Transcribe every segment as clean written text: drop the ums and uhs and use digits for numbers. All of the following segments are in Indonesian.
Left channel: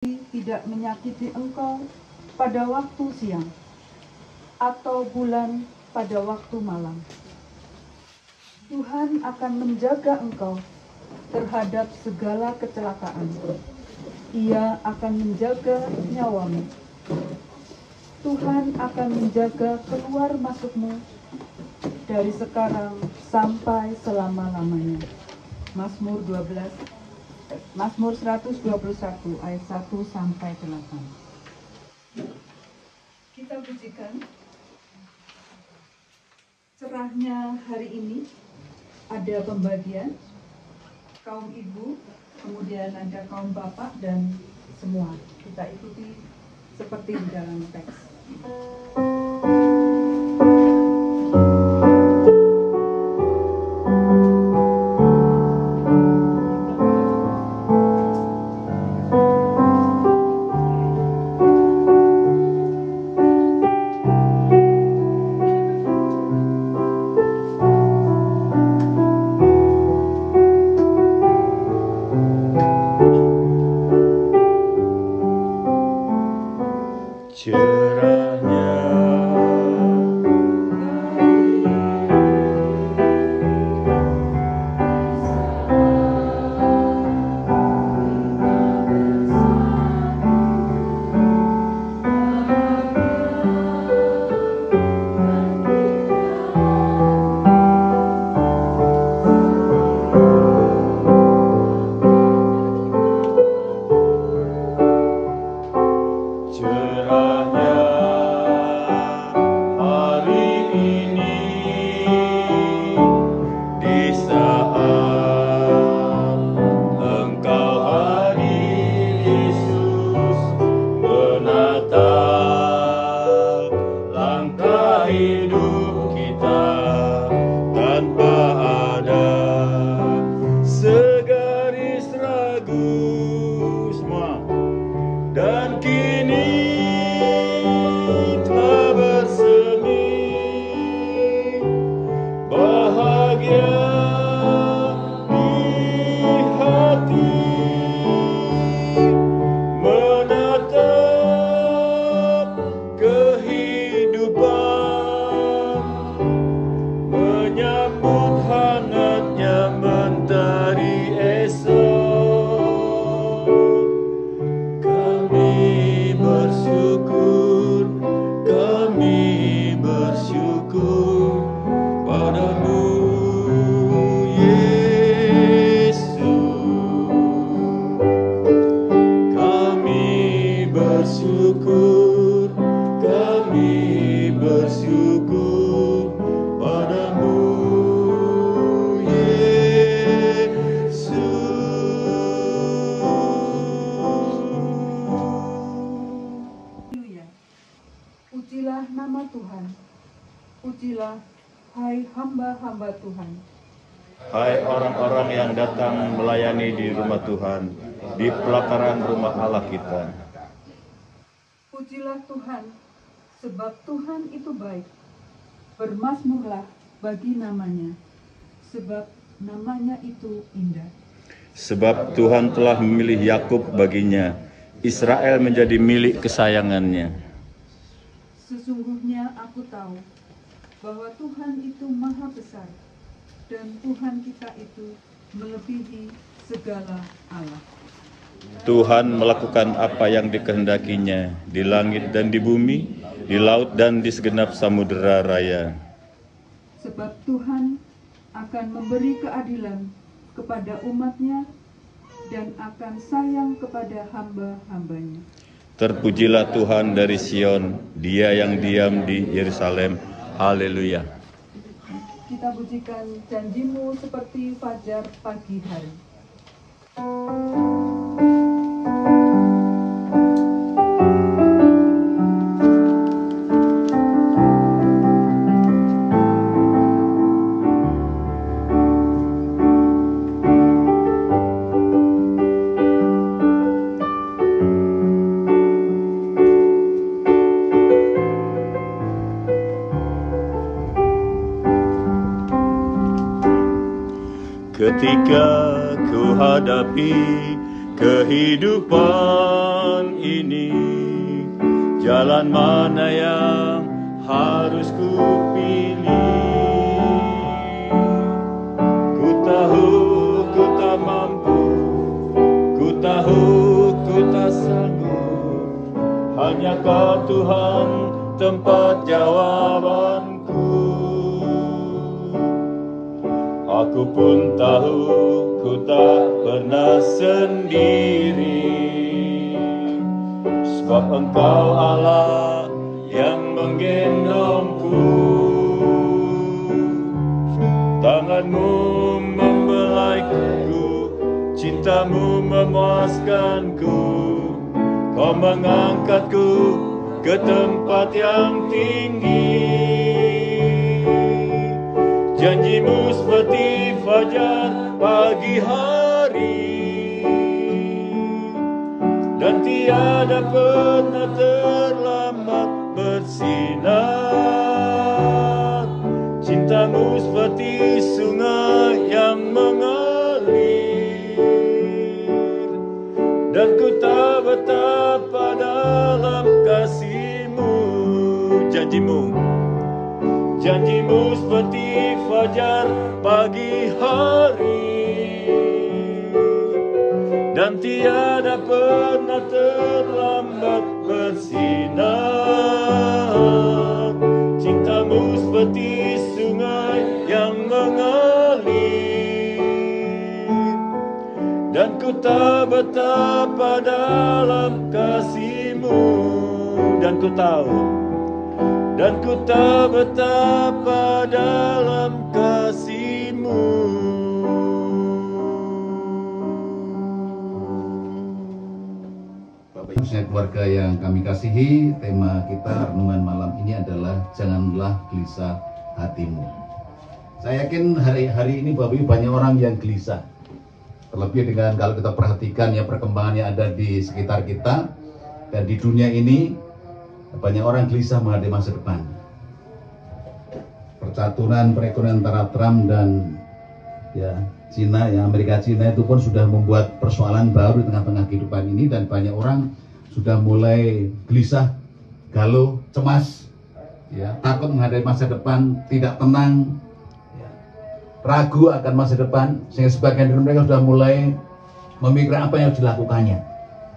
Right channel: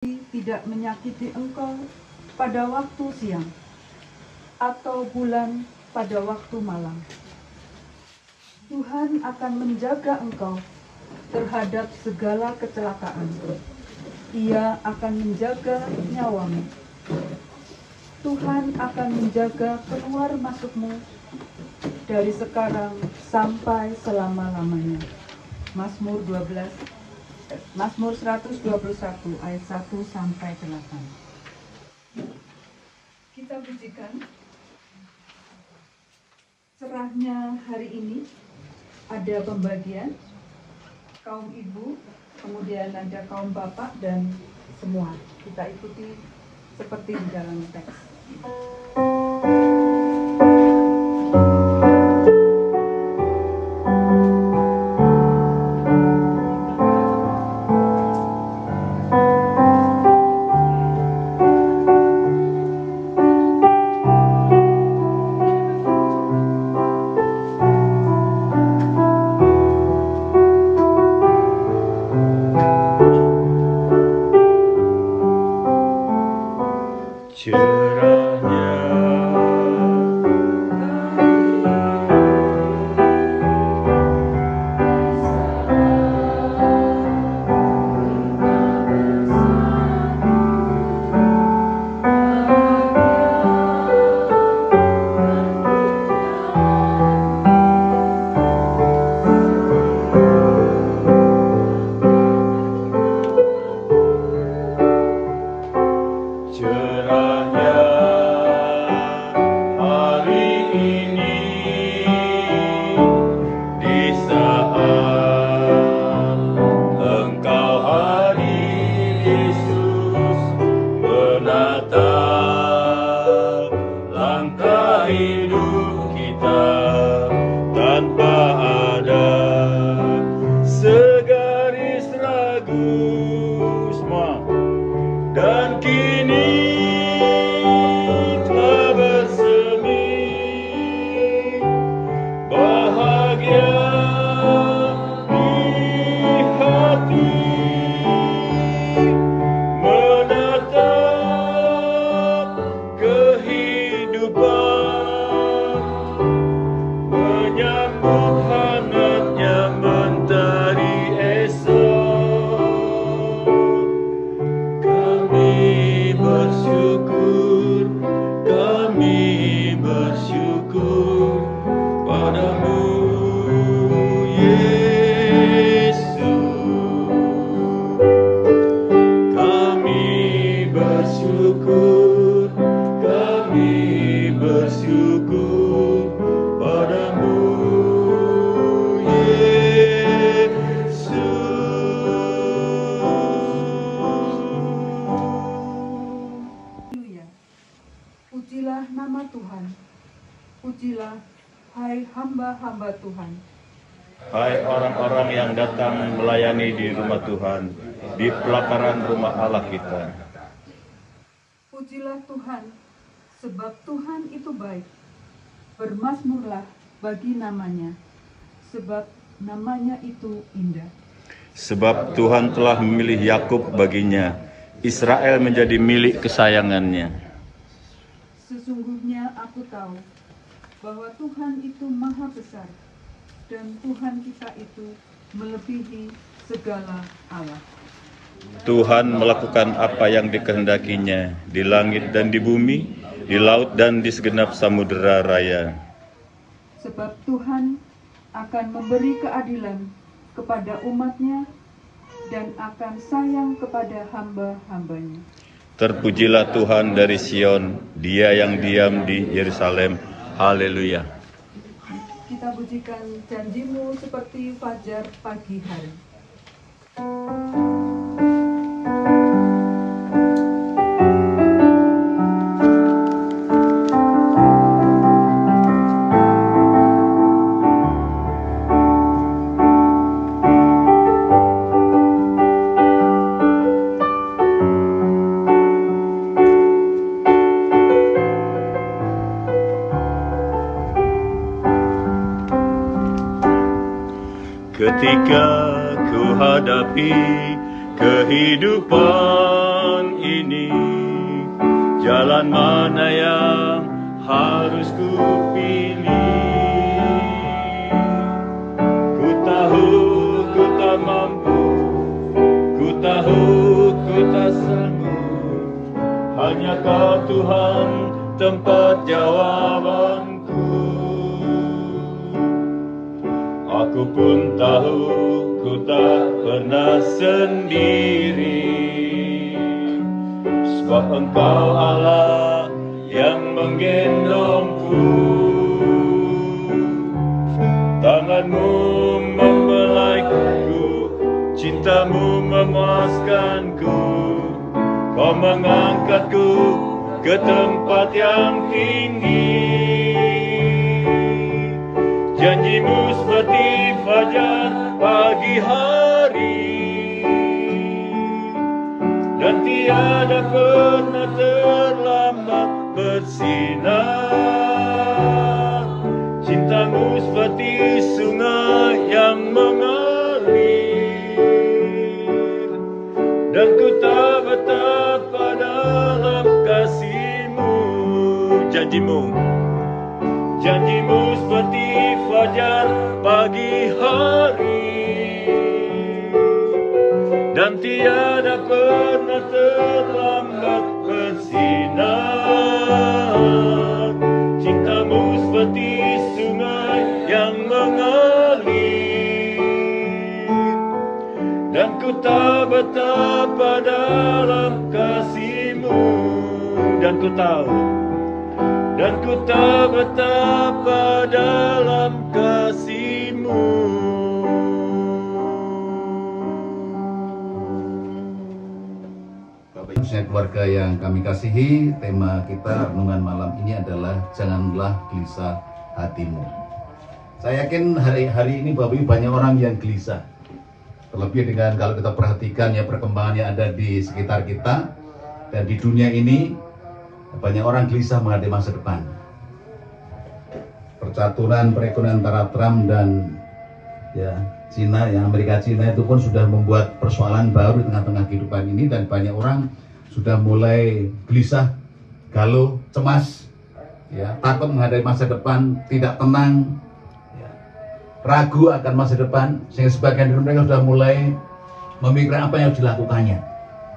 tidak menyakiti engkau pada waktu siang, atau bulan pada waktu malam. Tuhan akan menjaga engkau terhadap segala kecelakaan. Ia akan menjaga nyawamu. Tuhan akan menjaga keluar masukmu dari sekarang sampai selama-lamanya. Mazmur 121 ayat 1 sampai 8. Kita pujikan cerahnya hari ini. Ada pembagian kaum ibu, kemudian ada kaum bapak dan semua. Kita ikuti seperti di dalam teks. Pujilah nama Tuhan. Pujilah, hai hamba-hamba Tuhan. Hai orang-orang yang datang melayani di rumah Tuhan, di pelataran rumah Allah kita. Pujilah Tuhan, sebab Tuhan itu baik. Bermazmurlah bagi namanya, sebab namanya itu indah. Sebab Tuhan telah memilih Yakub baginya, Israel menjadi milik kesayangannya. Sesungguhnya aku tahu bahwa Tuhan itu maha besar, dan Tuhan kita itu melebihi segala Allah. Tuhan melakukan apa yang dikehendakinya di langit dan di bumi, di laut dan di segenap samudera raya. Sebab Tuhan akan memberi keadilan kepada umatnya dan akan sayang kepada hamba-hambanya. Terpujilah Tuhan dari Sion, Dia yang diam di Yerusalem. Haleluya. Kita pujikan janjimu seperti fajar pagi hari. Ketika ku hadapi kehidupan jalan mana yang harus ku pilih. Ku tahu ku tak mampu, ku tahu ku tak sanggup, hanya Kau Tuhan tempat jawabanku. Aku pun tahu ku tak pernah sendiri, sebab Engkau Allah yang menggendongku. Tangan-Mu membelaiku, cinta-Mu memuaskanku. Kau mengangkatku ke tempat yang tinggi. Janji-Mu seperti fajar pagi hari, dan tiada pernah terlambat bersinar. Cinta-Mu seperti sungai yang mengalir, dan ku tak betapa dalam kasih-Mu. Janji-Mu seperti fajar pagi hari, dan tiada pernah terlambat bersinar. Cinta-Mu seperti sungai yang mengalir, dan ku tak betapa dalam kasih-Mu. Dan ku tak betapa dalam kasih-Mu. Khususnya keluarga yang kami kasihi, tema kita renungan malam ini adalah janganlah gelisah hatimu. Saya yakin hari ini Bapak Ibu banyak orang yang gelisah. Terlebih dengan kalau kita perhatikan ya perkembangan yang ada di sekitar kita dan di dunia ini, banyak orang gelisah menghadapi masa depan. Percaturan perekonomian antara Trump dan Cina, Amerika Cina itu pun sudah membuat persoalan baru di tengah-tengah kehidupan ini, dan banyak orang sudah mulai gelisah, galau, cemas, takut menghadapi masa depan, tidak tenang, ragu akan masa depan, sehingga sebagian dari mereka sudah mulai memikirkan apa yang harus dilakukannya.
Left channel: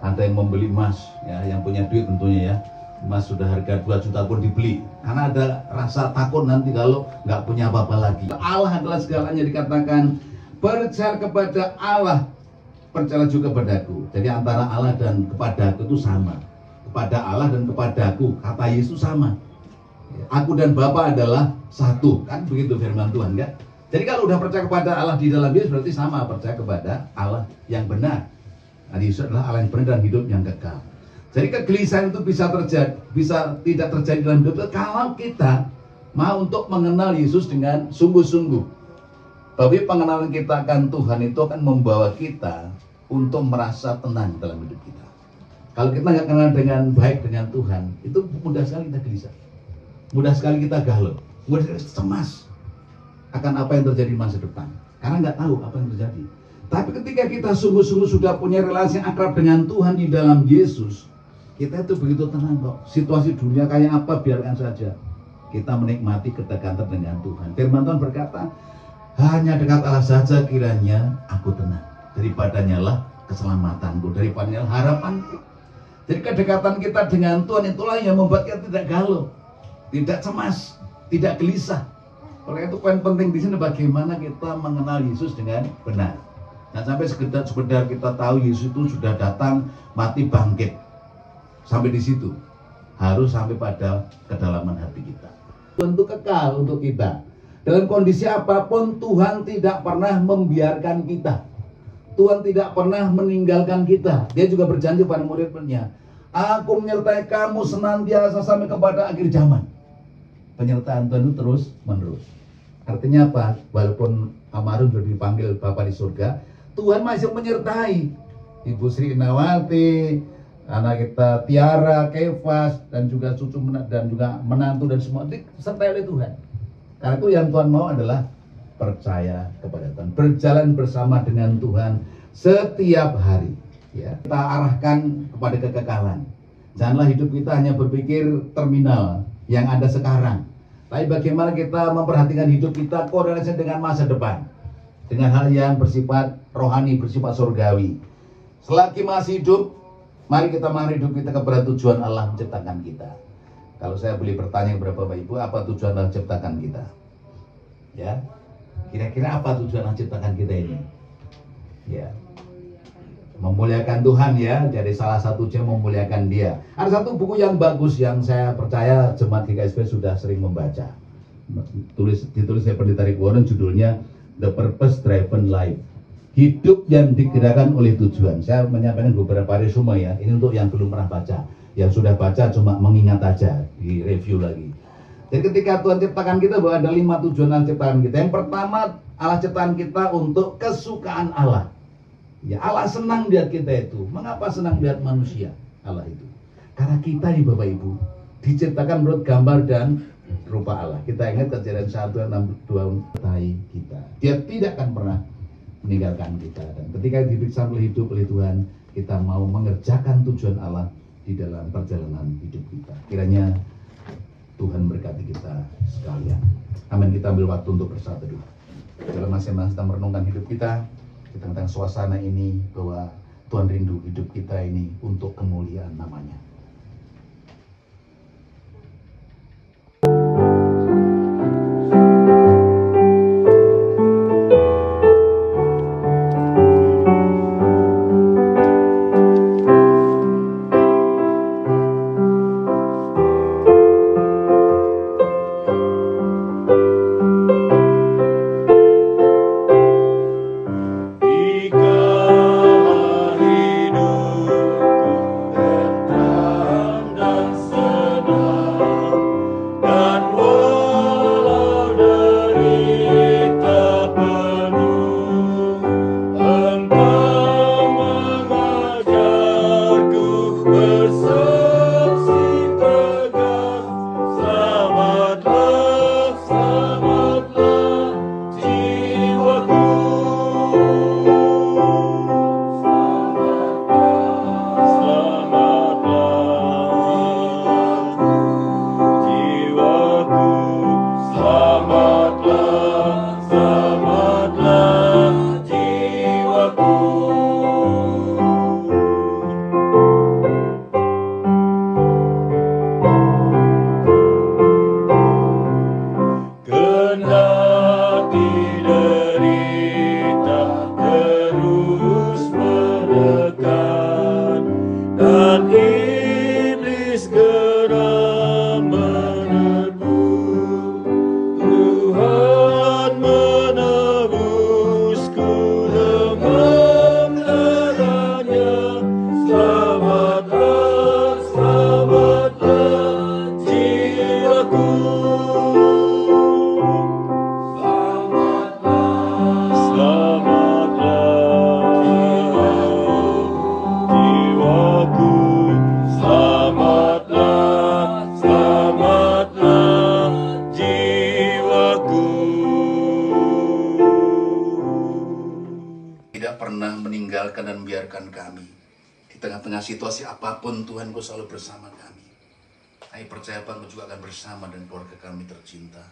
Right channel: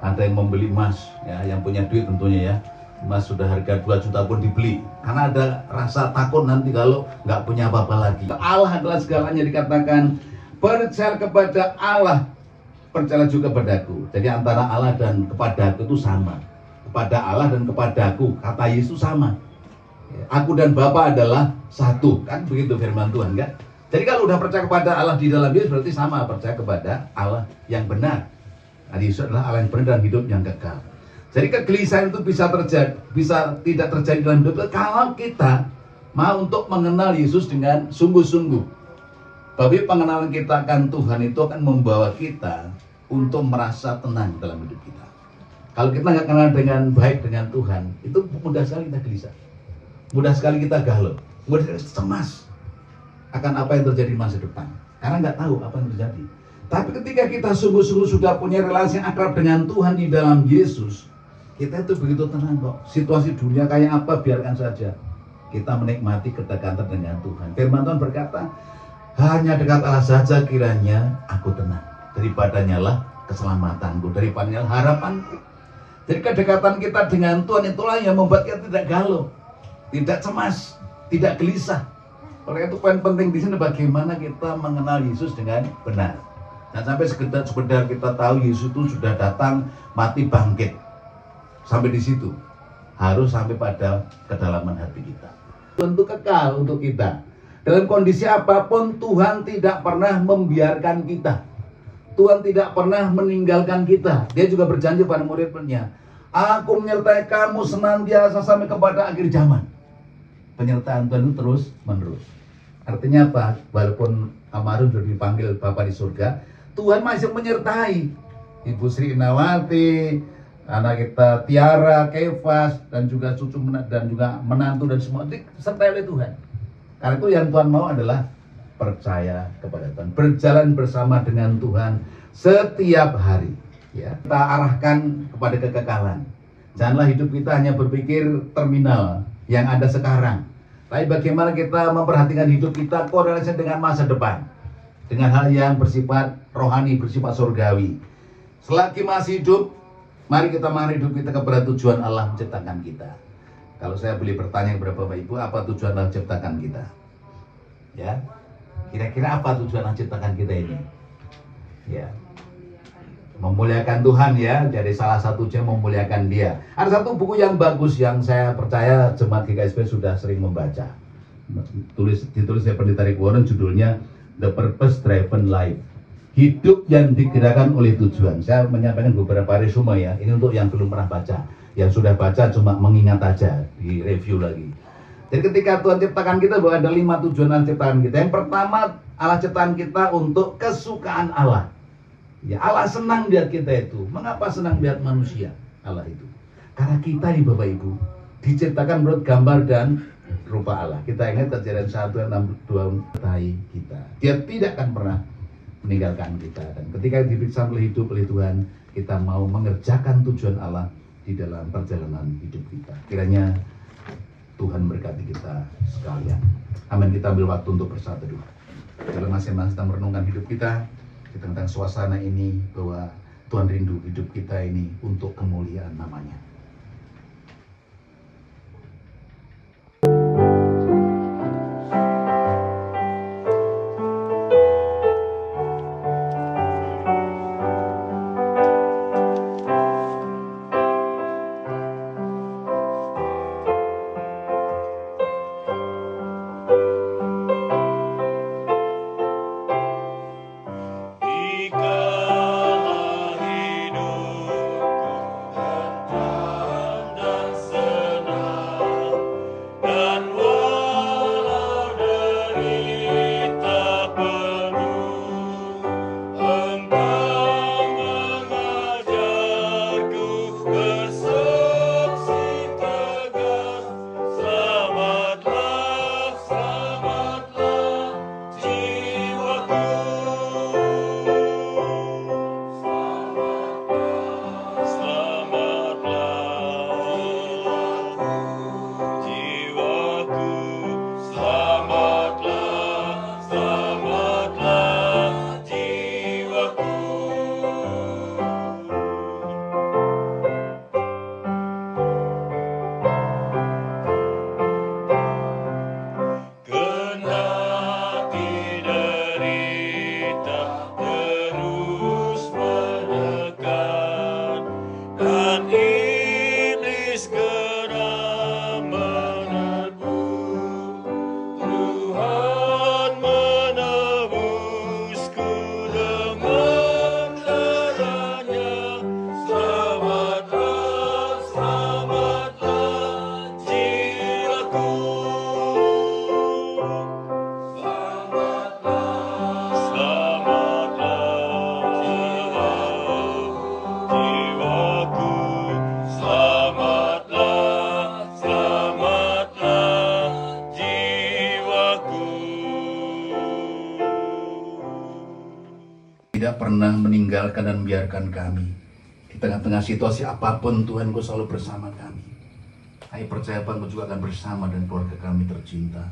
Ada yang membeli emas, yang punya duit tentunya emas sudah harga 2 juta pun dibeli, karena ada rasa takut nanti kalau nggak punya apa-apa lagi. Allah adalah segalanya, dikatakan percaya kepada Allah, percaya juga kepadaku. Jadi antara Allah dan kepadaku itu sama. Kepada Allah dan kepadaku, kata Yesus sama. Aku dan Bapa adalah satu, kan begitu firman Tuhan, kan? Jadi kalau udah percaya kepada Allah di dalam Yesus, berarti sama percaya kepada Allah yang benar. Nah, Yesus adalah Allah yang benar dan hidup yang kekal. Jadi kegelisahan itu bisa tidak terjadi dalam hidup kalau kita mau untuk mengenal Yesus dengan sungguh-sungguh. Tapi pengenalan kita akan Tuhan itu akan membawa kita untuk merasa tenang dalam hidup kita. Kalau kita nggak kenal dengan baik dengan Tuhan, itu mudah sekali kita gelisah, mudah sekali kita galau, mudah sekali cemas akan apa yang terjadi di masa depan, karena nggak tahu apa yang terjadi. Tapi ketika kita sungguh-sungguh sudah punya relasi yang akrab dengan Tuhan di dalam Yesus, kita itu begitu tenang kok. Situasi dunia kayak apa biarkan saja, kita menikmati kedekatan dengan Tuhan. Firman Tuhan berkata, hanya dekat Allah saja kiranya aku tenang, daripadanya lah keselamatanku, daripadanya lah harapanku. Jadi kedekatan kita dengan Tuhan itulah yang membuat kita tidak galau, tidak cemas, tidak gelisah. Oleh itu poin penting di sini bagaimana kita mengenal Yesus dengan benar. Dan sampai sekedar kita tahu Yesus itu sudah datang, mati, bangkit. Sampai di situ harus sampai pada kedalaman hati kita. Tentu kekal untuk kita. Dalam kondisi apapun Tuhan tidak pernah membiarkan kita. Tuhan tidak pernah meninggalkan kita. Dia juga berjanji pada murid-muridnya, aku menyertai kamu senantiasa sampai kepada akhir zaman. Penyertaan Tuhan itu terus menerus. Artinya apa? Walaupun almarhum sudah dipanggil Bapa di surga, Tuhan masih menyertai Ibu Sri Nawati, anak kita Tiara, Kefas, dan juga cucu dan juga menantu dan semua disertai oleh Tuhan. Karena itu yang Tuhan mau adalah percaya kepada Tuhan, berjalan bersama dengan Tuhan setiap hari. Kita arahkan kepada kekekalan. Janganlah hidup kita hanya berpikir terminal yang ada sekarang. Tapi bagaimana kita memperhatikan hidup kita korelasi dengan masa depan. Dengan hal yang bersifat rohani, bersifat surgawi. Selagi masih hidup, mari kita mengarahkan hidup kita kepada tujuan Allah menciptakan kita. Kalau saya boleh bertanya kepada Bapak Ibu, apa tujuan Allah menciptakan kita? Ya, kira-kira apa tujuan Allah menciptakan kita ini? Ya, memuliakan Tuhan ya. Jadi salah satunya memuliakan Dia. Ada satu buku yang bagus yang saya percaya jemaat GKSP sudah sering membaca. Ditulis oleh Pendeta Rick Warren, judulnya The Purpose Driven Life. Hidup yang digerakkan oleh tujuan. Saya menyampaikan beberapa resume ya. Ini untuk yang belum pernah baca. Yang sudah baca cuma mengingat aja, di review lagi. Jadi ketika Tuhan ciptakan kita bahwa ada 5 tujuan Allah ciptakan kita. Yang pertama, Allah ciptakan kita untuk kesukaan Allah. Ya, Allah senang lihat kita itu. Mengapa senang lihat manusia? Allah itu. Karena kita nih Bapak Ibu diciptakan menurut gambar dan rupa Allah. Kita ingat Kejadian 1:62 kita. Dia tidak akan pernah meninggalkan kita. Dan ketika diperiksa oleh hidup oleh Tuhan, kita mau mengerjakan tujuan Allah di dalam perjalanan hidup kita. Kiranya Tuhan berkati kita sekalian. Amin. Kita ambil waktu untuk bersatu dulu. Dalam masing-masing kita merenungkan hidup kita tentang suasana ini, bahwa Tuhan rindu hidup kita ini untuk kemuliaan namanya. Tidak pernah meninggalkan dan membiarkan kami. Di tengah-tengah situasi apapun, Tuhan Kau selalu bersama kami. Saya percaya Kau juga akan bersama dan keluarga kami tercinta.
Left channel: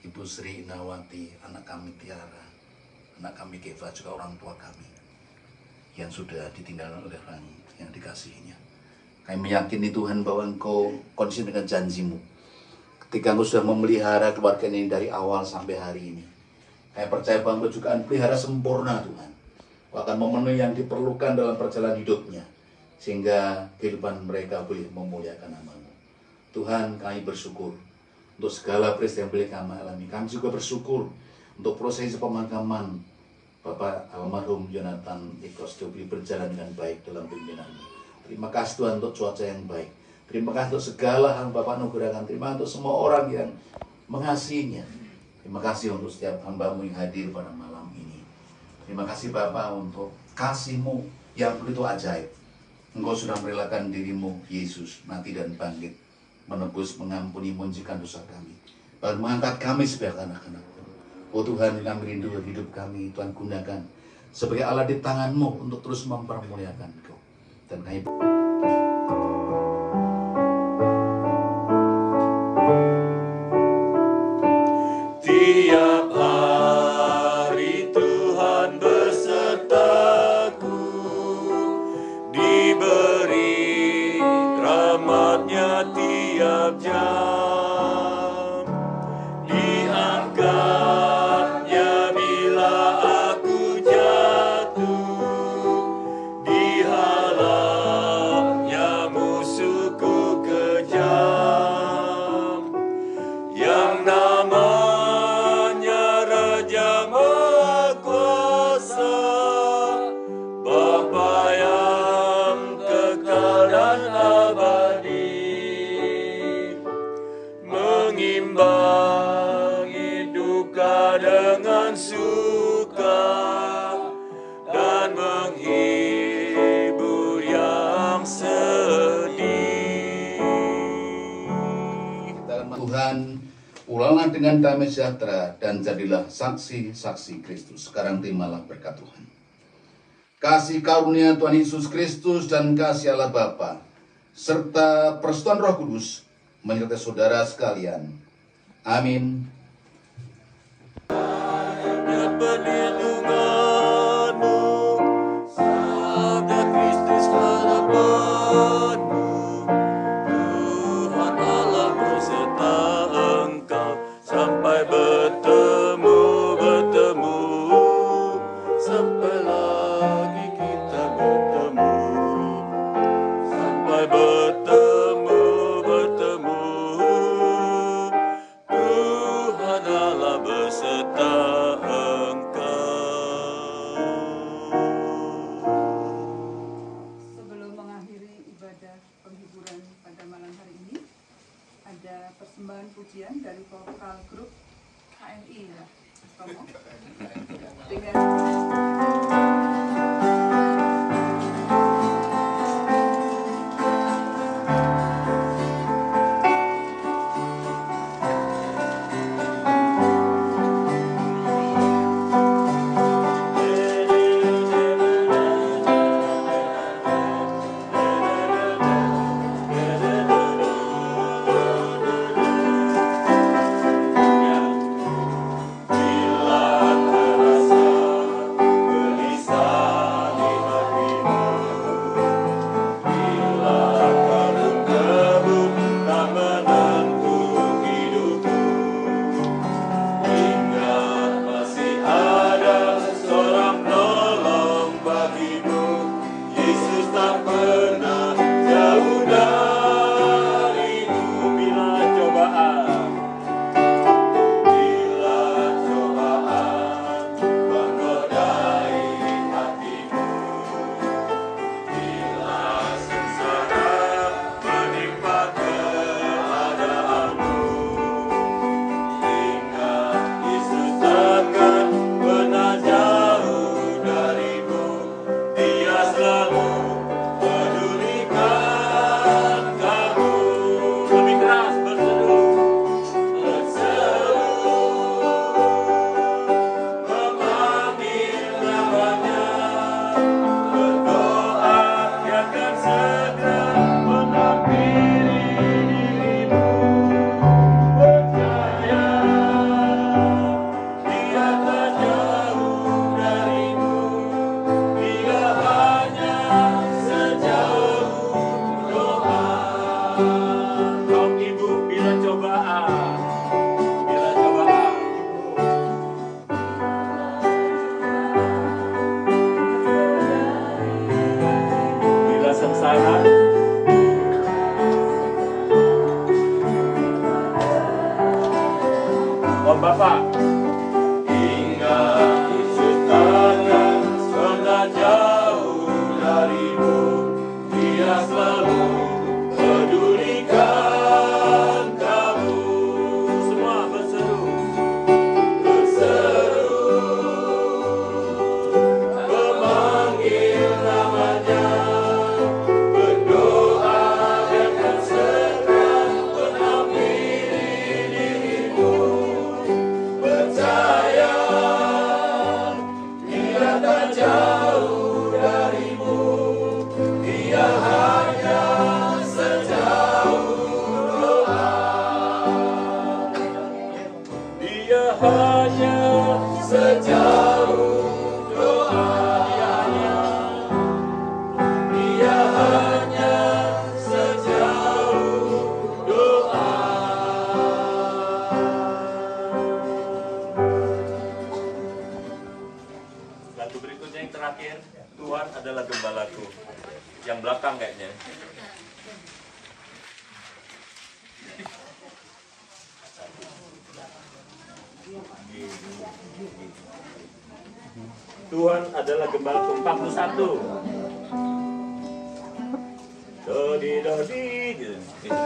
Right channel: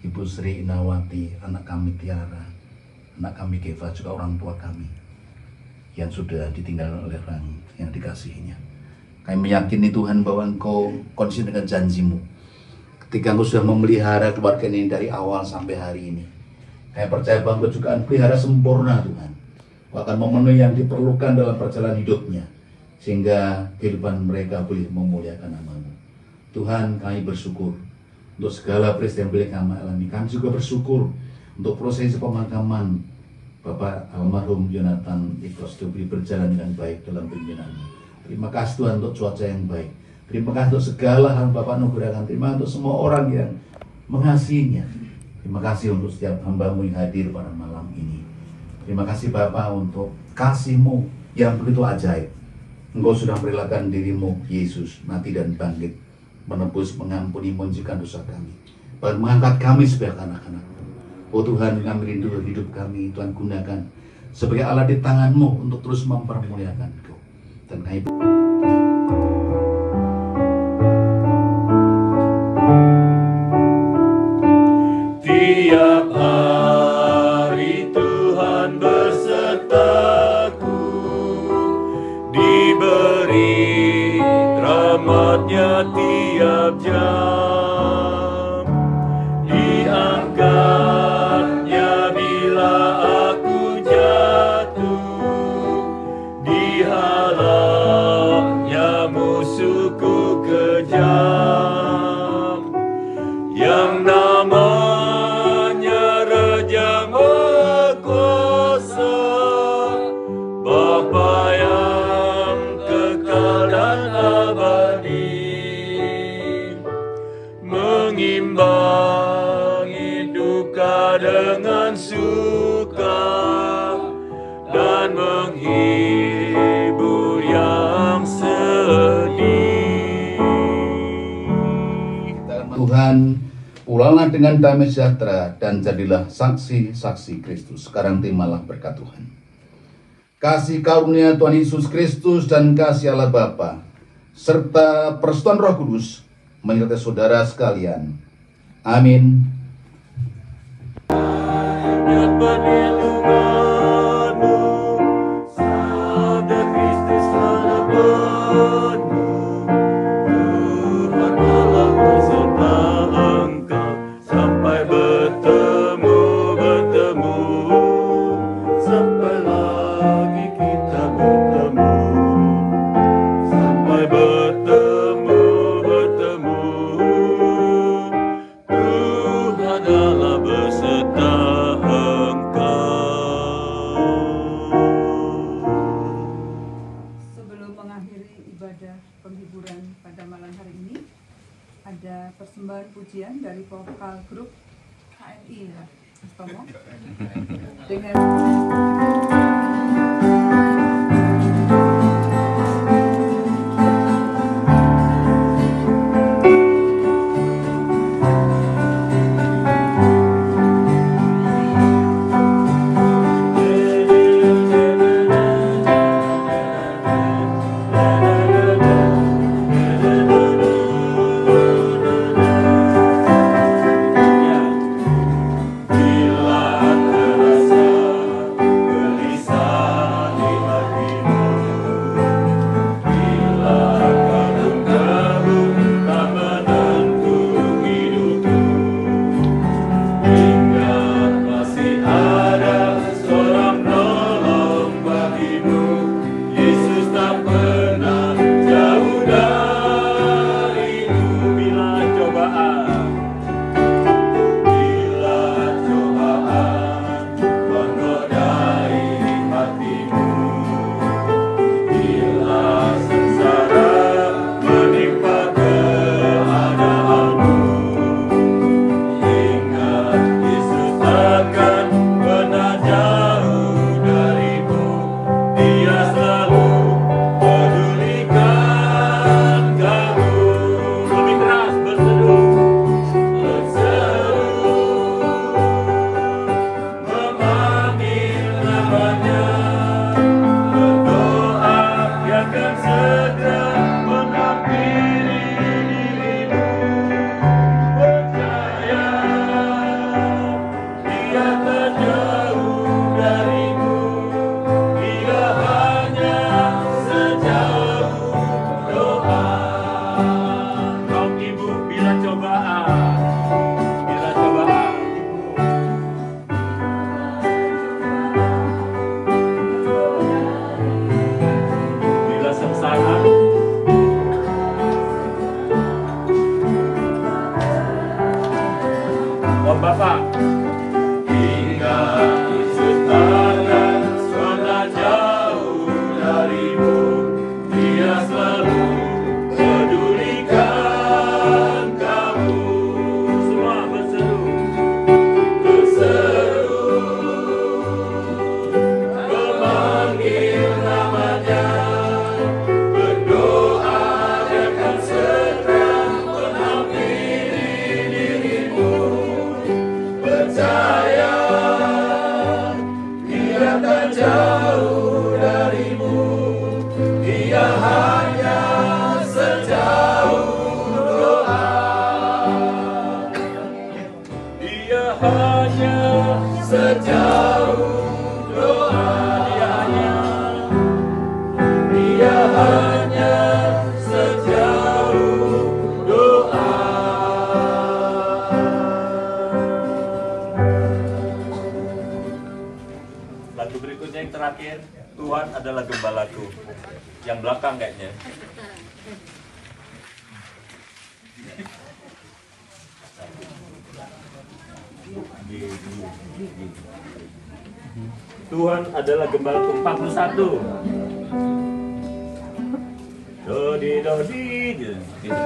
Ibu Sri Inawati, anak kami Tiara, anak kami Keva, juga orang tua kami yang sudah ditinggalkan oleh orang yang dikasihinya. Kami meyakini Tuhan bahwa Engkau konsisten dengan janjimu. Ketika Engkau sudah memelihara keluarga ini dari awal sampai hari ini, saya percaya bahwa Engkau juga akan pelihara sempurna Tuhan. Akan memenuhi yang diperlukan dalam perjalanan hidupnya, sehingga kehidupan mereka boleh memuliakan nama-Mu. Tuhan, kami bersyukur untuk segala peristiwa yang boleh kami alami. Kami juga bersyukur untuk prosesi pemakaman Bapak almarhum Yonatan Ikosto berjalan dengan baik dalam pimpinan-Mu. Terima kasih Tuhan untuk cuaca yang baik. Terima kasih untuk segala hal Bapak anugerahkan. Terima kasih untuk semua orang yang mengasihinya. Terima kasih untuk setiap hamba-Mu yang hadir pada malam ini. Terima kasih Bapa untuk kasih-Mu yang begitu ajaib. Engkau sudah merelakan diri-Mu, Yesus, mati dan bangkit, menebus, mengampuni, mensucikan dosa kami, bahkan mengangkat kami sebagai anak-anak. Oh Tuhan, kami rindu hidup kami, Tuhan gunakan sebagai alat di tangan-Mu untuk terus mempermuliakan Engkau. Dan kami Diangkatnya tiap jam, diangkatnya bila aku jatuh, dihalangnya musuhku kejam, yang namanya Raja Maha Kuasa, Bapa yang kekal dan abadi, mengimbangi duka dengan suka dan menghibur yang sedih. Tuhan, pulanglah dengan damai sejahtera dan jadilah saksi-saksi Kristus. Sekarang terimalah berkat Tuhan. Kasih karunia Tuhan Yesus Kristus dan kasih Allah Bapa serta persekutuan Roh Kudus menyertai saudara sekalian. Amin. Perlindunganmu, sabda Kristus telah penuh. Tuhan Allah beserta engkau sampai bertemu, sampai lagi kita bertemu, sampai bertemu. Tuhan Allah beserta penghiburan pada malam hari ini, ada persembahan pujian dari vokal grup HMI ya, dengan bila terasa belakang kayaknya. Tuhan adalah gembalku 41. Dodi dodi gitu ya.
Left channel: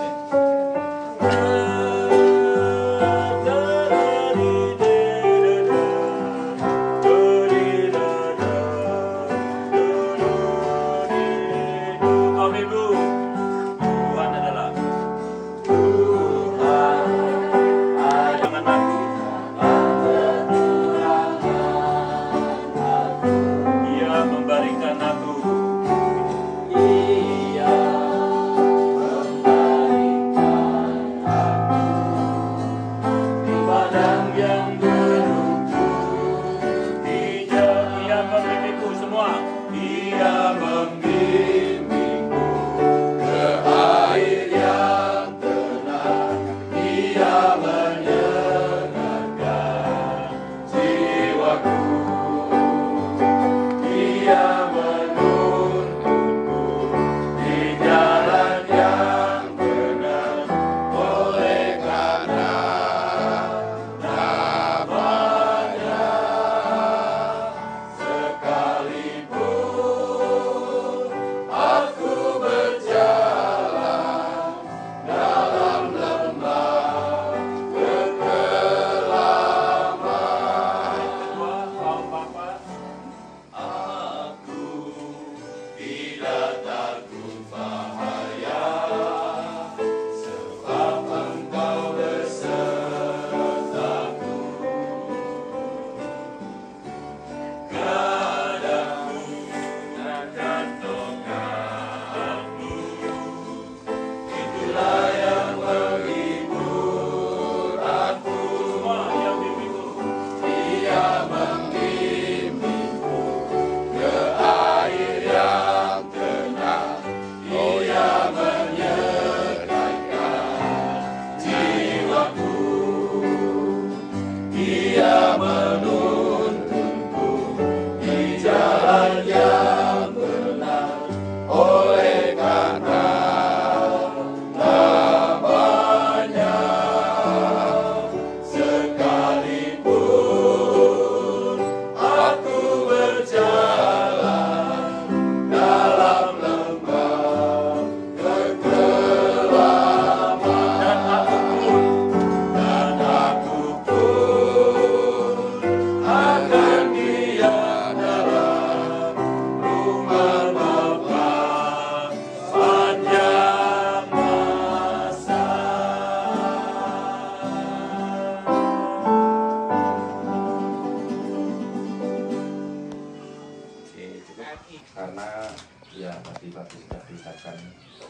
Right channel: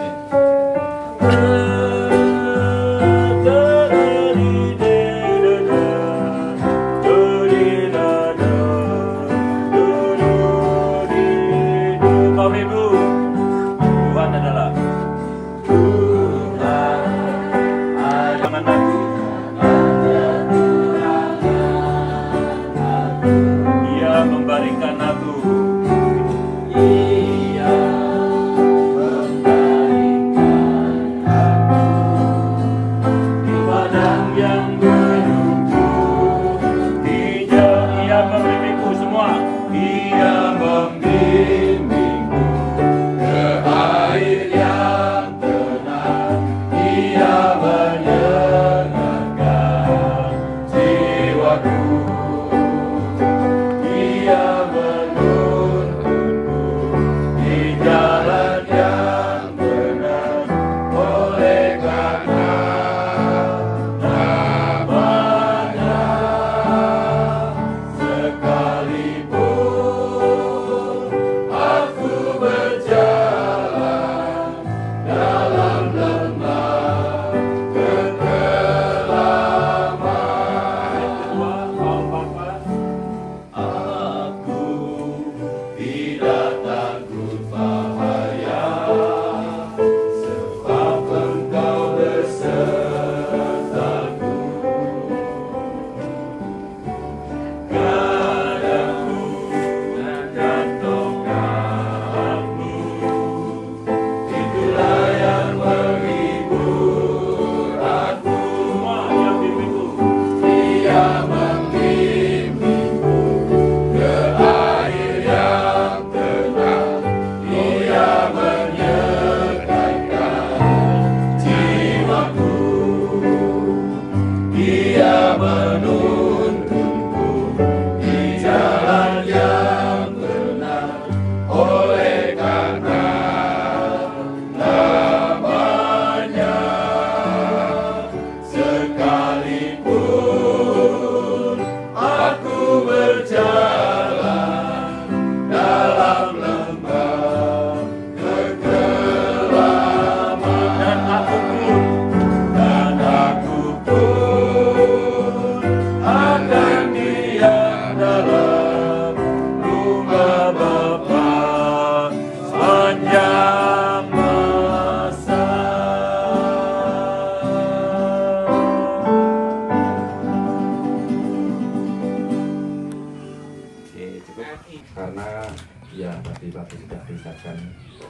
Karena ya tadi Pak sudah ceritakan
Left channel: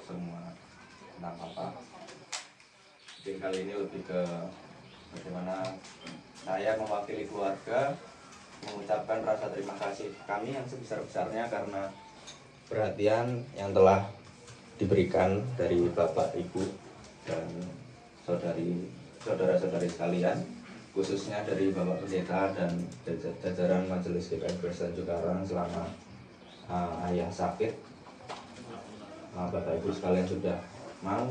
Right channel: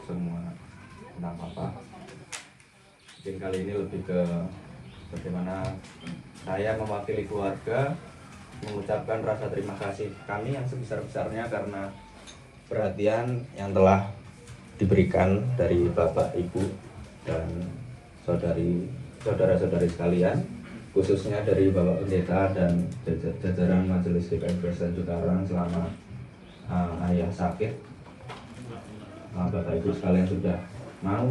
semua tentang Papa. Mungkin kali ini lebih ke bagaimana saya mewakili keluarga mengucapkan rasa terima kasih kami yang sebesar-besarnya karena perhatian yang telah diberikan dari Bapak, Ibu, dan saudara-saudari sekalian, khususnya dari Bapak Pendeta dan jajaran Majelis GPM Kristen Cikarang selama ayah sakit. Bapak Ibu sekalian sudah mau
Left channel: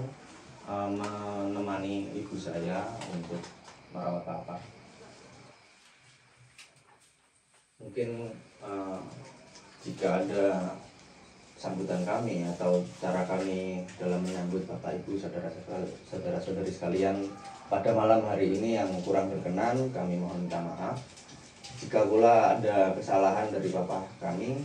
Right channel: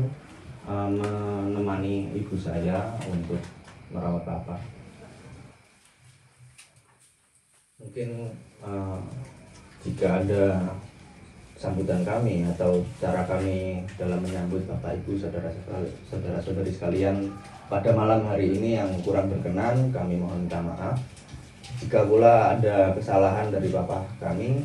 menemani ibu saya untuk merawat Papa. Mungkin jika ada sambutan kami atau cara kami dalam menyambut Bapak Ibu, saudara-saudari sekalian pada malam hari ini yang kurang berkenan, kami mohon minta maaf. Jika pula ada kesalahan dari Bapak kami,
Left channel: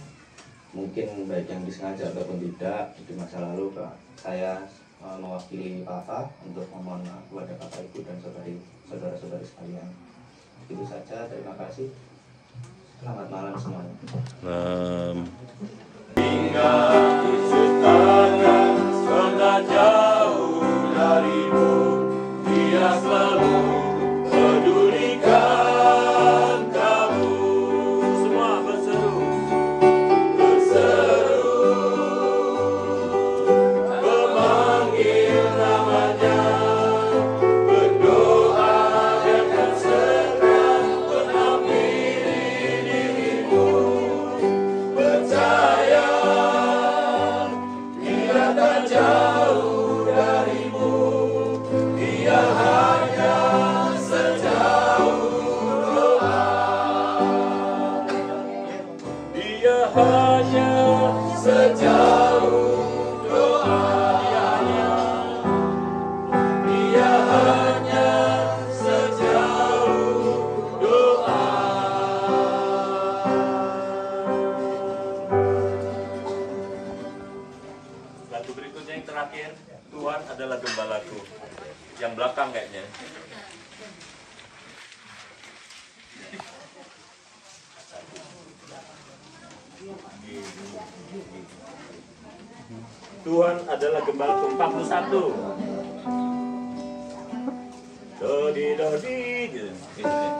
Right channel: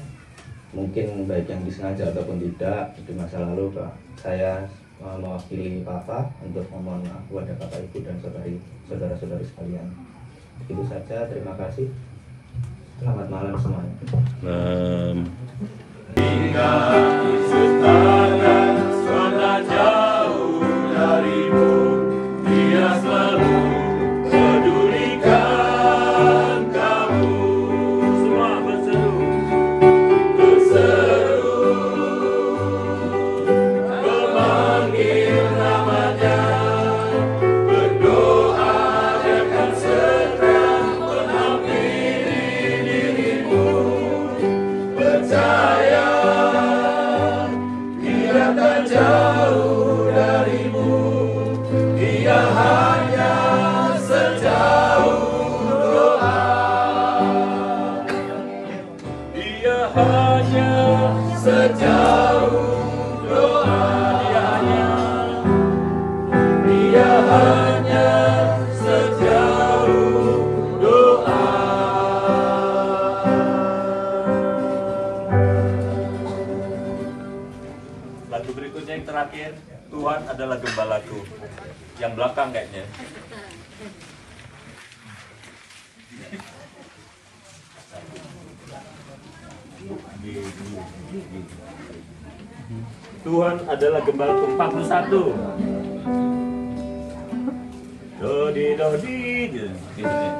mungkin baik yang disengaja ataupun tidak, di masa lalu Pak, saya mewakili Papa untuk memohon maaf kepada Bapak Ibu dan saudara-saudari sekalian. Itu saja, terima kasih. Selamat malam semuanya. Hingga Yesus akan sudah jauh darimu, Dia selalu pedulikan kamu. Semua berseru, memanggil namanya, berdoa akan segera mengampuni dirimu. Percaya jauh darimu, dia hanya sejauh doa. Dia hanya sejauh doa. Dia hanya sejauh doa. Lagu berikutnya yang terakhir, Tuhan adalah gembalaku. Yang belakang kayaknya. Tuhan adalah gembalaku 41. Dodi dodi gitu ya.